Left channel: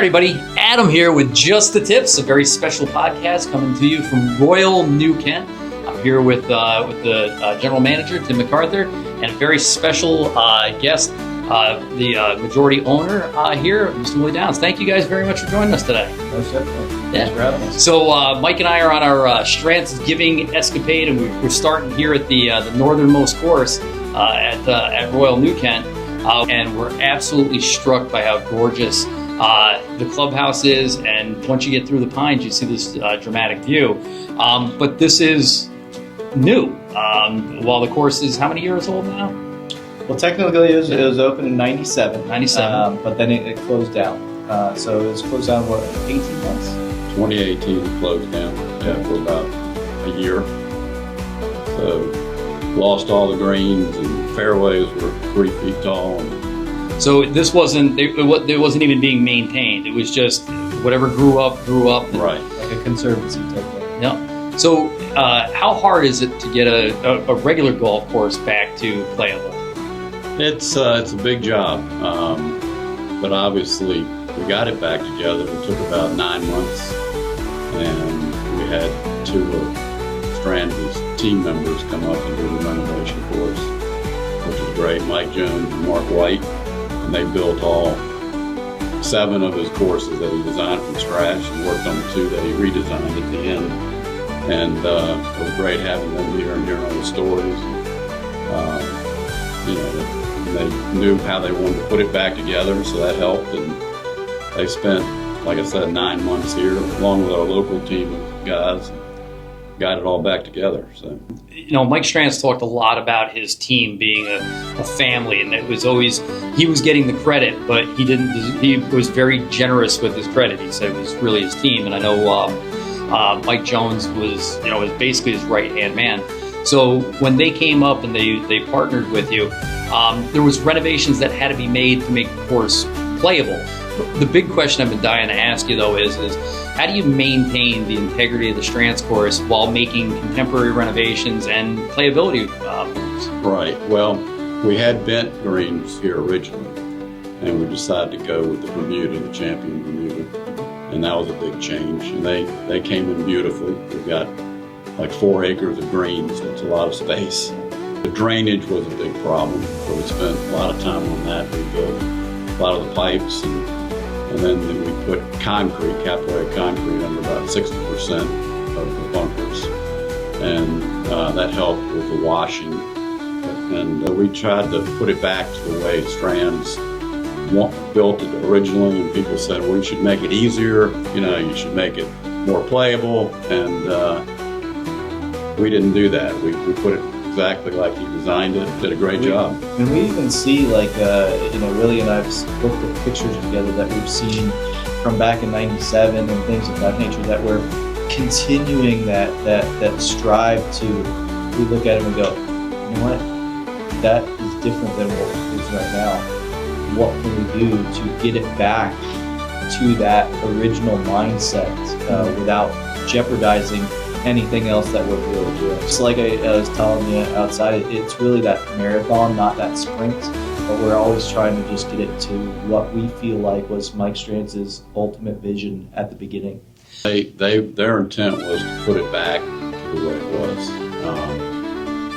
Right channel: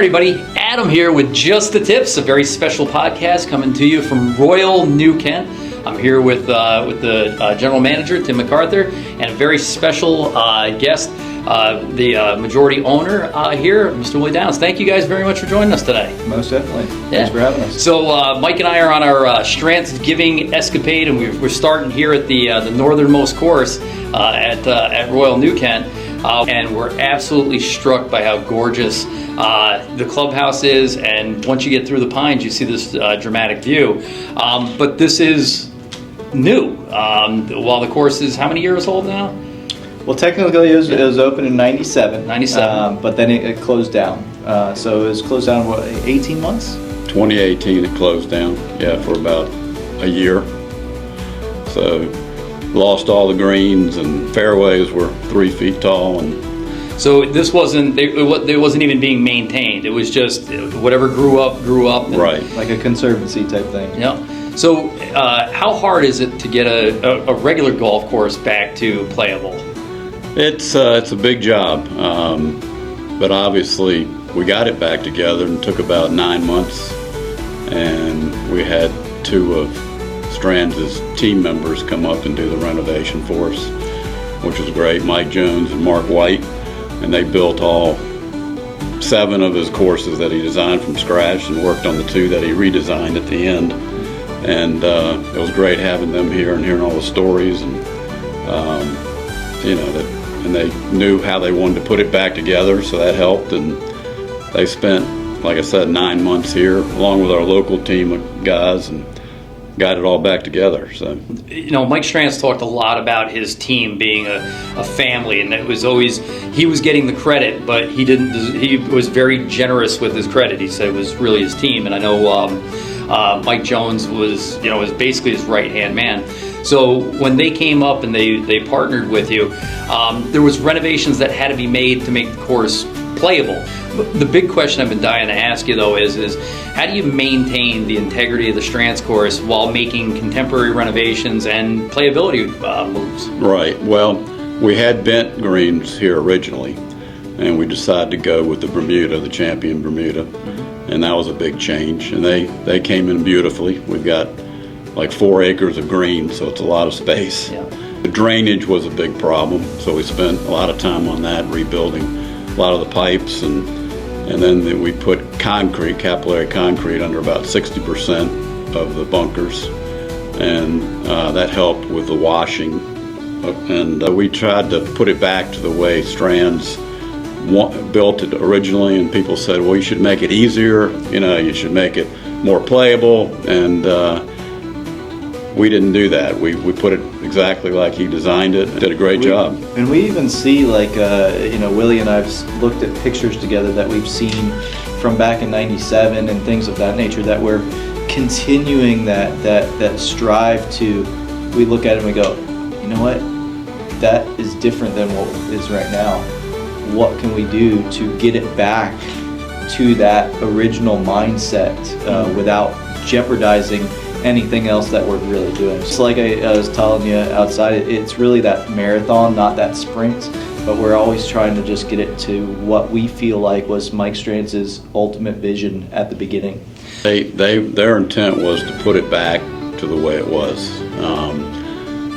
right, everybody, Adam here with Just the Tips, a very special podcast coming to you from Royal New Kent. I'm here with the General Manager, Tim MacArthur, and a very special guest, the majority owner here, Mr. Willie Downs. Thank you guys very much for joining us today. Most definitely. Thanks for having us. So Mike and I are on our Strantz giving escapade, and we're starting here at the northernmost course at Royal New Kent. And we're absolutely struck by how gorgeous the clubhouse is, and once you get through the pines, you see this dramatic view. But this is new. While the course is how many years old now? Well, technically it was open in 97. 97. But then it closed down. So it was closed down, what, 18 months? 2018 it closed down, for about a year. So lost all the greens, and fairways were 3 feet tall. And so this wasn't, it wasn't even being maintained. It was just whatever grew up. Right. Like a conservancy type thing. Yeah. So how hard is it to get a regular golf course back to playable? It's a big job, but obviously we got it back together and took about 9 months, and we had 2 of Strantz's team members come up and do the renovation for us, which was great. Mike Jones and Mark White, and they built all 7 of his courses that he designed from scratch and worked on the 2 that he redesigned at the end. And it was great having them here and hearing all the stories, and and they knew how they wanted to put it back together, so that helped. And they spent, like I said, 9 months here along with our local team of guys, and got it all back together. So, Mike Strantz talked a lot about his team being a family, and it was always, he was getting the credit, but he was very generous with his credit. He said it was really his team, and I know Mike Jones was basically his right-hand man. So when they came up and they partnered with you, there was renovations that had to be made to make the course playable. The big question I've been dying to ask you, though, is how do you maintain the integrity of the Strantz course while making contemporary renovations and playability moves? Right. Well, we had bent greens here originally, and we decided to go with the Bermuda, the Champion Bermuda, and that was a big change. And they came in beautifully. We've got like 4 acres of green, so it's a lot of space. Yeah. The drainage was a big problem, so we spent a lot of time on that, rebuilding a lot of the pipes, and then we put concrete, capillary concrete, under about 60% of the bunkers, and that helped with the washing. And we tried to put it back to the way Strantz built it originally, and people said, well, you should make it easier, you should make it more playable, and we didn't do that. We put it exactly like he designed it. Did a great job. And we even see, like, Willie and I've looked at pictures together that we've seen from back in 97 and things of that nature, that we're continuing that strive to, we look at it and we go, you know what, that is different than what it is right now. What can we do to get it back to that original mindset without jeopardizing anything else that we're really doing? Just like I was telling you outside, it's really that marathon, not that sprint, but we're always trying to just get it to what we feel like was Mike Strantz's ultimate vision at the beginning. Their intent was to put it back to the way it was,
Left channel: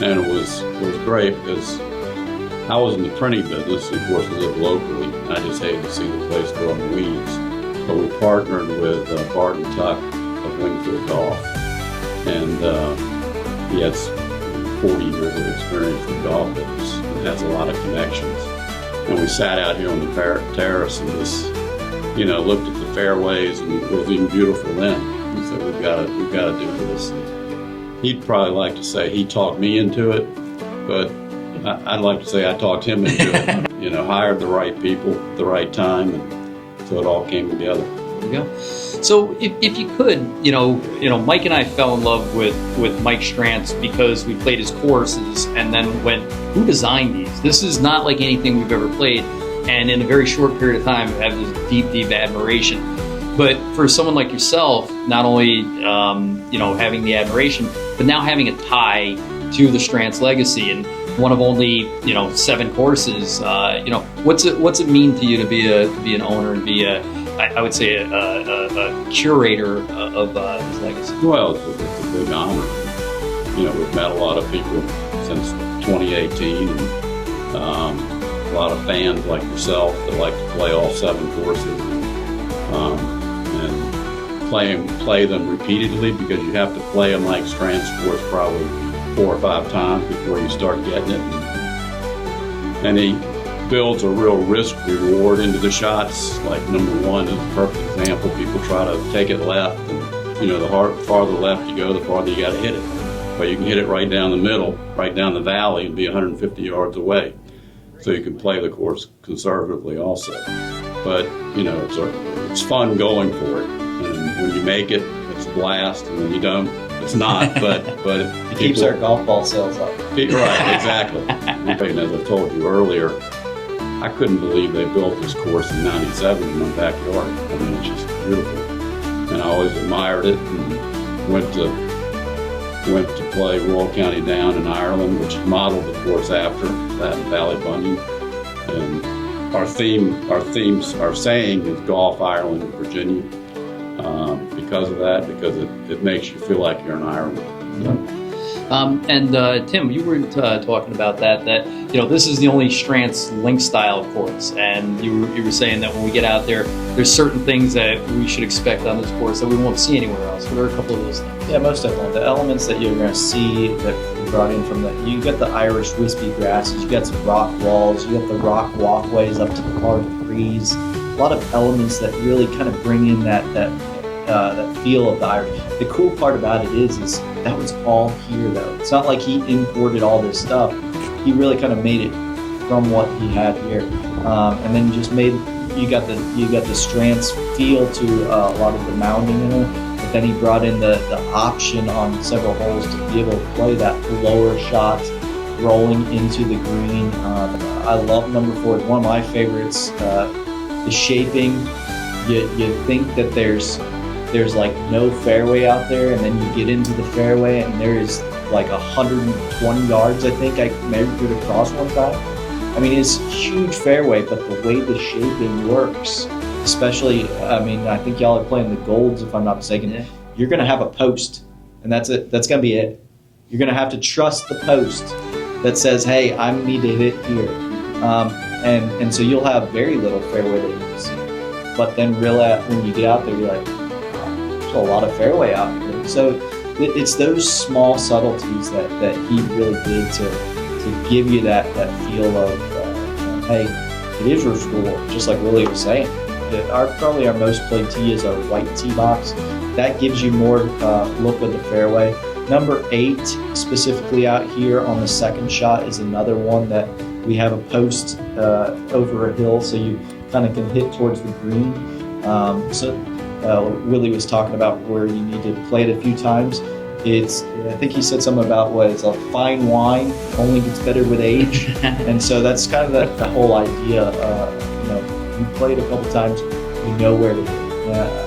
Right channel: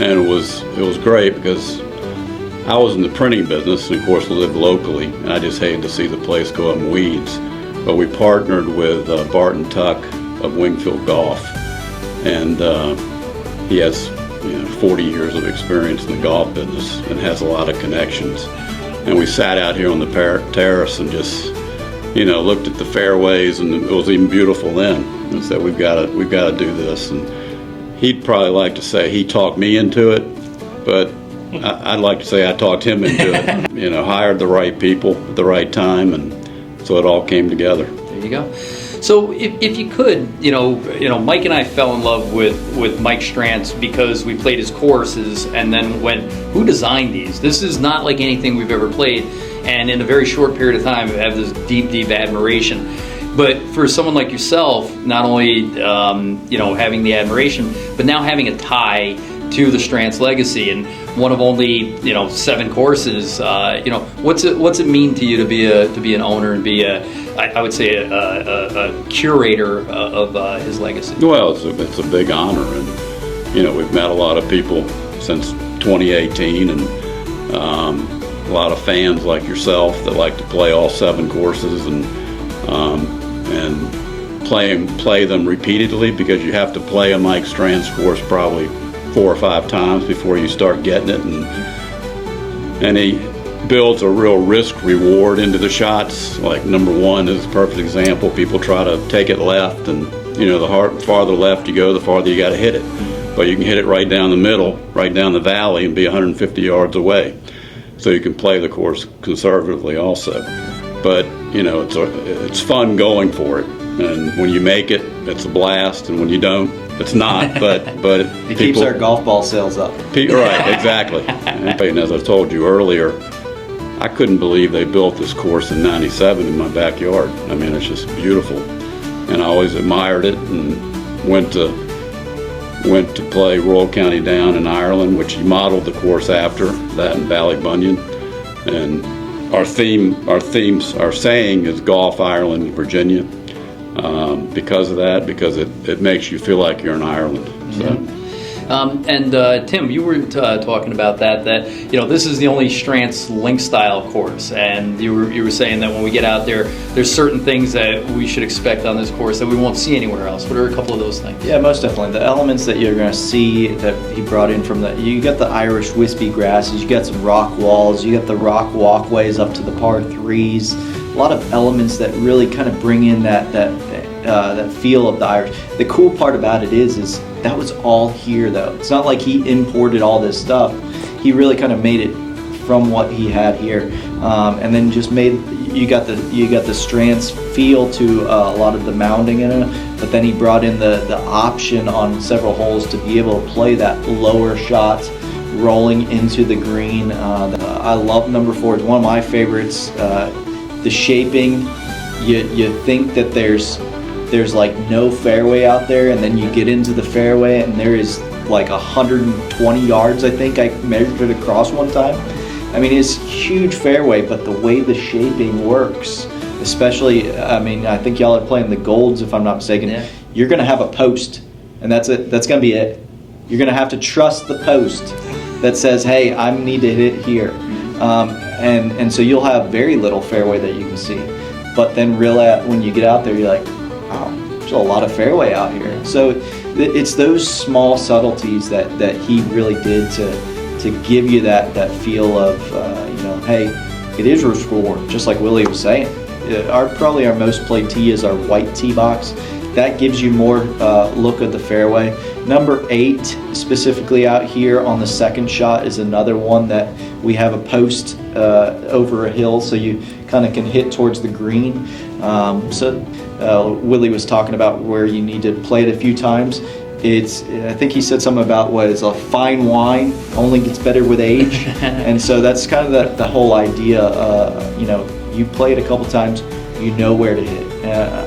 and it was great because I was in the printing business, and of course lived locally, and I just hated to see the place go up in weeds. But we partnered with Barton Tuck of Wingfield Golf, and he has 40 years of experience in the golf business and has a lot of connections. And we sat out here on the terrace and just looked at the fairways, and it was even beautiful then, and said we've got to do this. And he'd probably like to say he talked me into it, but I'd like to say I talked him into it. Hired the right people at the right time, and so it all came together. There you go. So if you could, Mike and I fell in love with Mike Strantz because we played his courses and then went, who designed these? This is not like anything we've ever played. And in a very short period of time, I have this deep, deep admiration. But for someone like yourself, not only, having the admiration, but now having a tie to the Strantz legacy, and one of only 7 courses. What's it mean to you to be an owner and be I would say, a curator of his legacy. Well, it's a big honor, and we've met a lot of people since 2018, and a lot of fans like yourself that like to play all 7 courses and play them repeatedly, because you have to play a Mike Strantz course probably 4 or 5 times before you start getting it, and he builds a real risk reward into the shots. Like number 1 is a perfect example. People try to take it left, and the farther left you go, the farther you got to hit it. But you can hit it right down the middle, right down the valley, and be 150 yards away. So you can play the course conservatively also. But it's fun going for it, and when you make it, it's a blast, and when you don't, it's not. But it keeps our golf ball sales up. Right, exactly. And as I told you earlier, I couldn't believe they built this course in '97 in my backyard. I mean, it's just beautiful, and I always admired it, and went to play Royal County Down in Ireland, which he modeled the course after that in Ballybunion. And our saying is Golf Ireland, Virginia, because of that, because it makes you feel like you're in Ireland. So. Tim, you were talking about that this is the only Strantz link style course, and you were saying that when we get out there's certain things that we should expect on this course that we won't see anywhere else. What are a couple of those things? Yeah, most definitely. The elements that you're going to see that he brought in from you got the Irish wispy grasses, you got some rock walls, you got the rock walkways up to the par 3s. A lot of elements that really kind of bring in that feel of the Irish. The cool part about it is that was all here though. It's not like he imported all this stuff. He really kind of made it from what he had here, and then just made you got the Strantz feel to a lot of the mounding in it. But then he brought in the option on several holes to be able to play that lower shots rolling into the green. I love number 4. It's one of my favorites. The shaping, you think that there's like no fairway out there, and then you get into the fairway and there is like 120 yards, I think I measured it across one time. I mean, it's huge fairway, but the way the shaping works, especially, I think y'all are playing the Golds if I'm not mistaken. Yeah. You're going to have a post, and that's it. That's going to be it. You're going to have to trust the post that says, hey, I need to hit it here. And so you'll have very little fairway that you can see. But then really, when you get out there, you're like, there's a lot of fairway out here. So it's those small subtleties that he really did to give you that feel of, hey, it is risk reward, just like Willie was saying. Probably our most played tee is our white tee box. That gives you more look at the fairway. Number 8, specifically out here on the second shot, is another one that we have a post over a hill, so you kind of can hit towards the green. Willie was talking about where you need to play it a few times. I think he said something about what is a fine wine only gets better with age, and so that's kind of the whole idea. You play it a couple times, you know where to hit.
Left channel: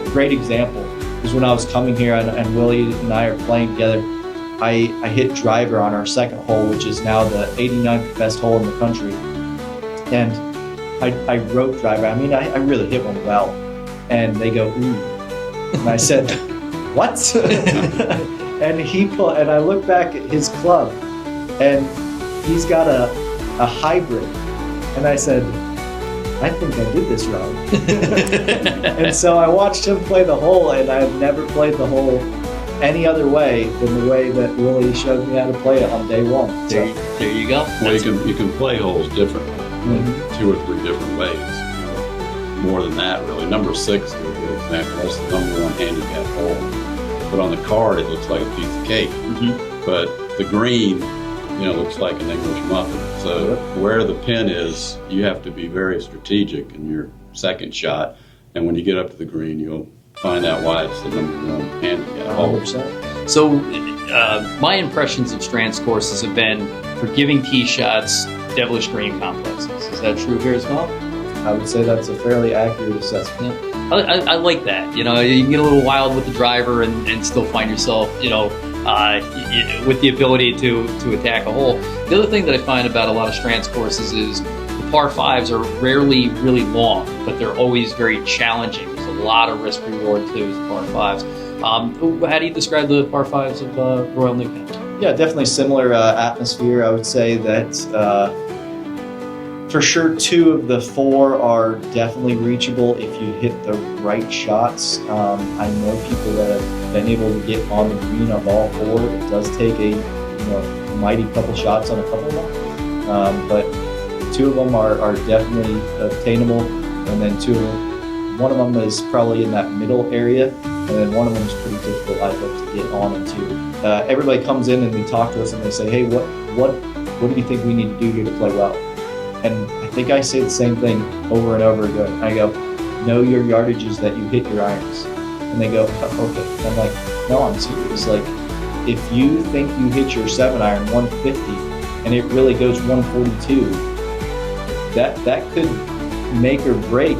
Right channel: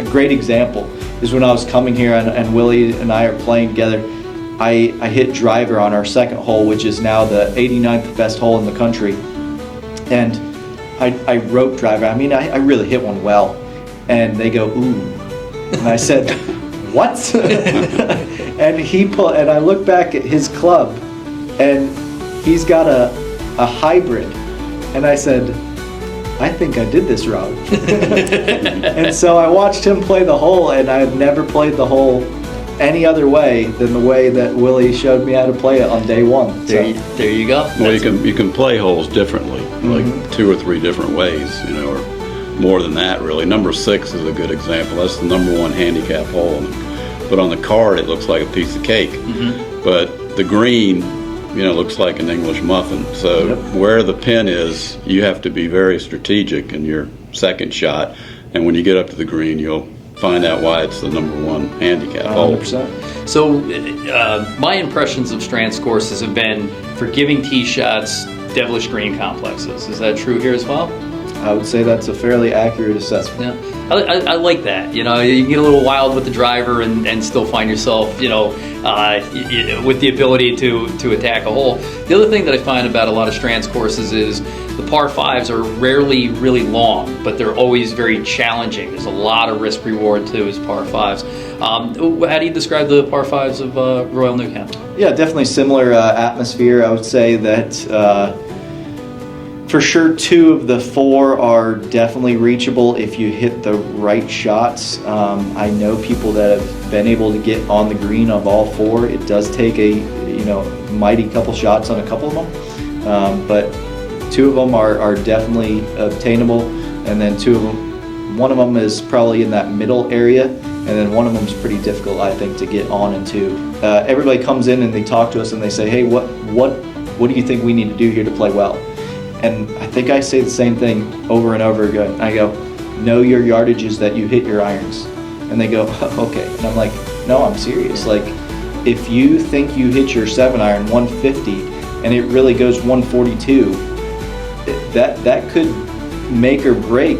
A great example is when I was coming here and Willie and I are playing together. I hit driver on our second hole, which is now the 89th best hole in the country, and I wrote driver. I really hit one well, and they go ooh, and I said what? And I look back at his club, and he's got a hybrid, and I said, I think I did this wrong. And so I watched him play the hole, and I've never played the hole any other way than the way that Willie showed me how to play it on day 1. There you go. Well, you can play holes differently, like 2 or 3 different ways, or more than that really. Number 6 is a good example. That's the number 1 handicap hole. But on the card, it looks like a piece of cake. Mm-hmm. But the green, looks like an English muffin. So where the pin is, you have to be very strategic in your second shot. And when you get up to the green, you'll find out why it's the number 1 handicap hole. 100%. So my impressions of Strantz courses have been for giving tee shots, devilish green complexes. Is that true here as well? I would say that's a fairly accurate assessment. Yeah. I like that. You can get a little wild with the driver and still find yourself, with the ability to attack a hole. The other thing that I find about a lot of Strantz courses is the par fives are rarely really long, but they're always very challenging. There's a lot of risk reward to his par fives. How do you describe the par fives of Royal Newcastle? Yeah, definitely similar atmosphere. I would say that for sure 2 of the 4 are definitely reachable if you hit the right shots. I know people that have been able to get on the green of all 4. It does take a mighty couple shots on a couple of them, but 2 of them are definitely obtainable, and then 2 of them, one of them is probably in that middle area, and then one of them is pretty difficult, I think, to get on into. Everybody comes in and they talk to us and they say, hey, what do you think we need to do here to play well? And I think I say the same thing over and over again. I go, know your yardages that you hit your irons. And they go, okay. And I'm like, no, I'm serious. Like, if you think you hit your 7-iron 150 and it really goes 142, that could make or break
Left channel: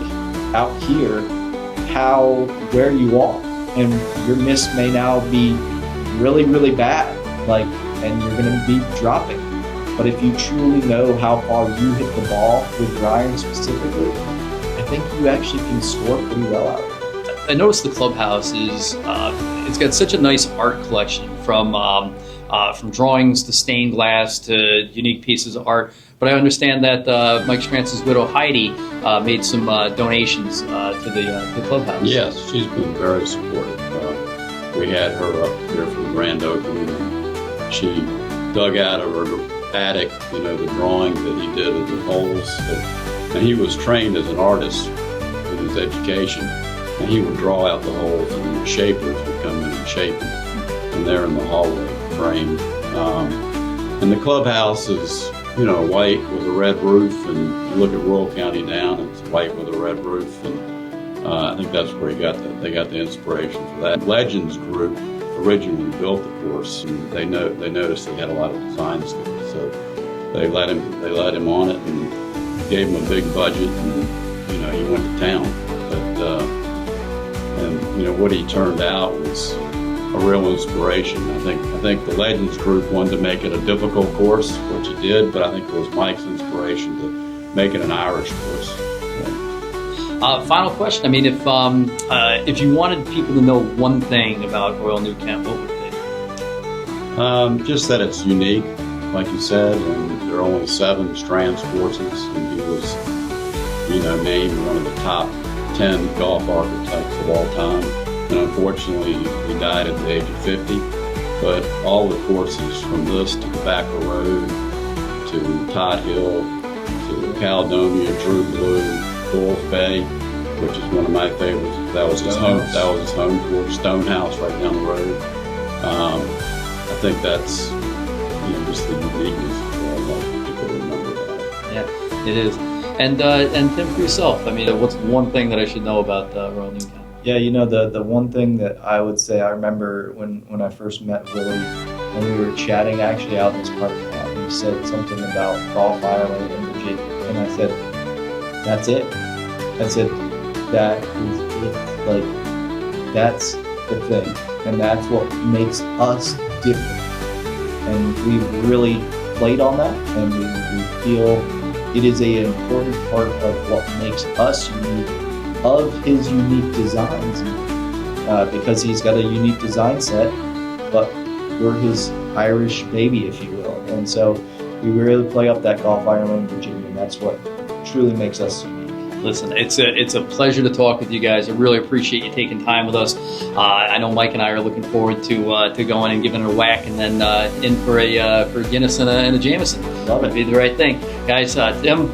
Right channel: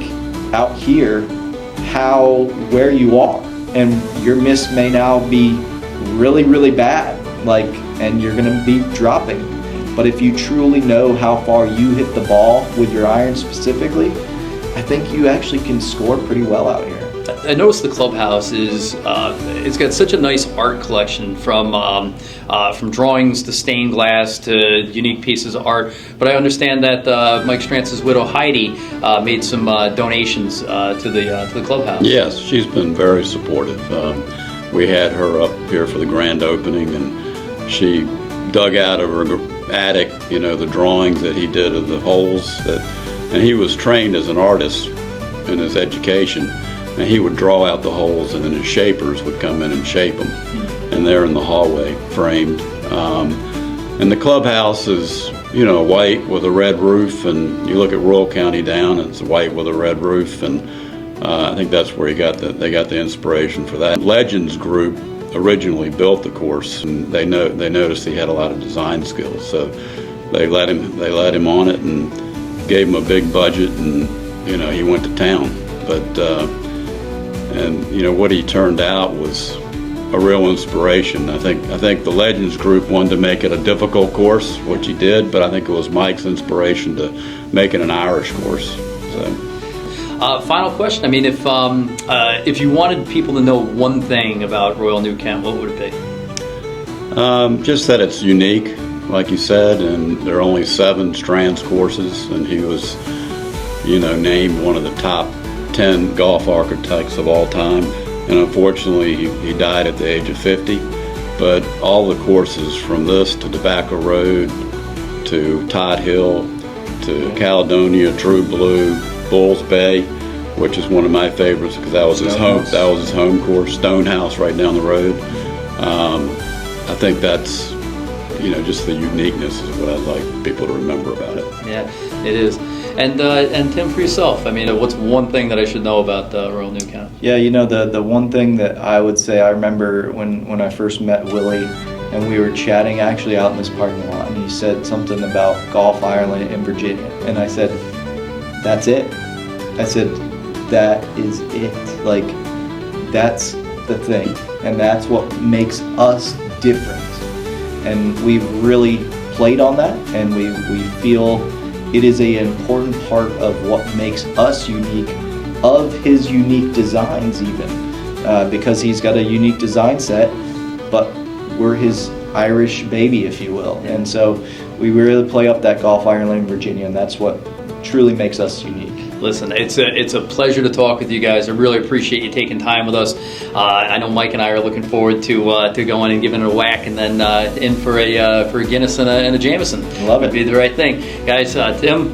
out here where you are. And your miss may now be really, really bad, and you're gonna be dropping. But if you truly know how far you hit the ball with your iron specifically, I think you actually can score pretty well out here. I noticed the clubhouse is it's got such a nice art collection from drawings to stained glass to unique pieces of art. But I understand that Mike Strantz's widow Heidi made some donations to the clubhouse. Yes, she's been very supportive. We had her up here for the grand opening, and she dug out of her attic, the drawings that he did of the holes. And he was trained as an artist in his education, and he would draw out the holes, and then his shapers would come in and shape them. And they're in the hallway, framed. And the clubhouse is, white with a red roof, and you look at Royal County down, it's white with a red roof, and I think that's where they got the inspiration for that. Legends Group originally built the course, and they noticed he had a lot of design skills, so they let him on it and gave him a big budget, and he went to town. But what he turned out was a real inspiration. I think the Legends Group wanted to make it a difficult course, which he did, but I think it was Mike's inspiration to make it an Irish course. Final question. I mean, if you wanted people to know one thing about Royal Newcastle, what would it be? Just that it's unique, like you said, and there are only 7 Strantz courses, and he was, named one of the top 10 golf architects of all time. And unfortunately, he died at the age of 50. But all the courses from this to Tobacco Road to Todd Hill to Caledonia, True Blue, Bulls Bay, which is one of my favorites because that was his home course. Stonehouse right down the road. I think that's just the uniqueness is what I'd like people to remember about it. Yeah, it is. And Tim, for yourself, I mean, what's one thing that I should know about Royal Newcastle? Yeah, the one thing that I would say, I remember when I first met Willie and we were chatting actually out in this parking lot, and he said something about Golf Ireland in Virginia, and I said, that's it. I said, that is it. Like, that's the thing, and that's what makes us different. And we've really played on that, and we feel it is an important part of what makes us unique, of his unique designs even, because he's got a unique design set, but we're his Irish baby, if you will. And so we really play up that Golf Ireland in Virginia, and that's what truly makes us unique. Listen, it's a pleasure to talk with you guys. I really appreciate you taking time with us. I know Mike and I are looking forward to going and giving it a whack, and then in for a Guinness and a Jameson. Love it. Would be the right thing, guys. Tim,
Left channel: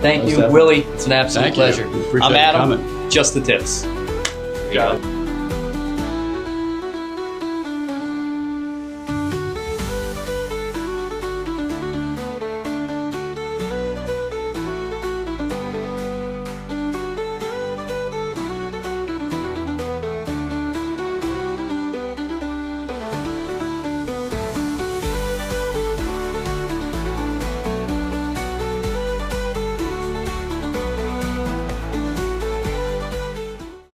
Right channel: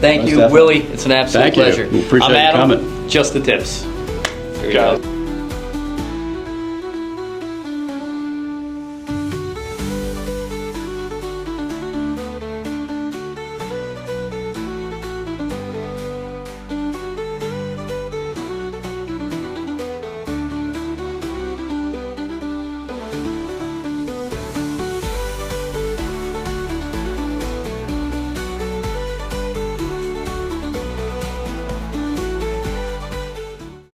thank you, Steph. Willie. It's an absolute pleasure. You. We appreciate I'm Adam. you coming. Just the tips. There you go.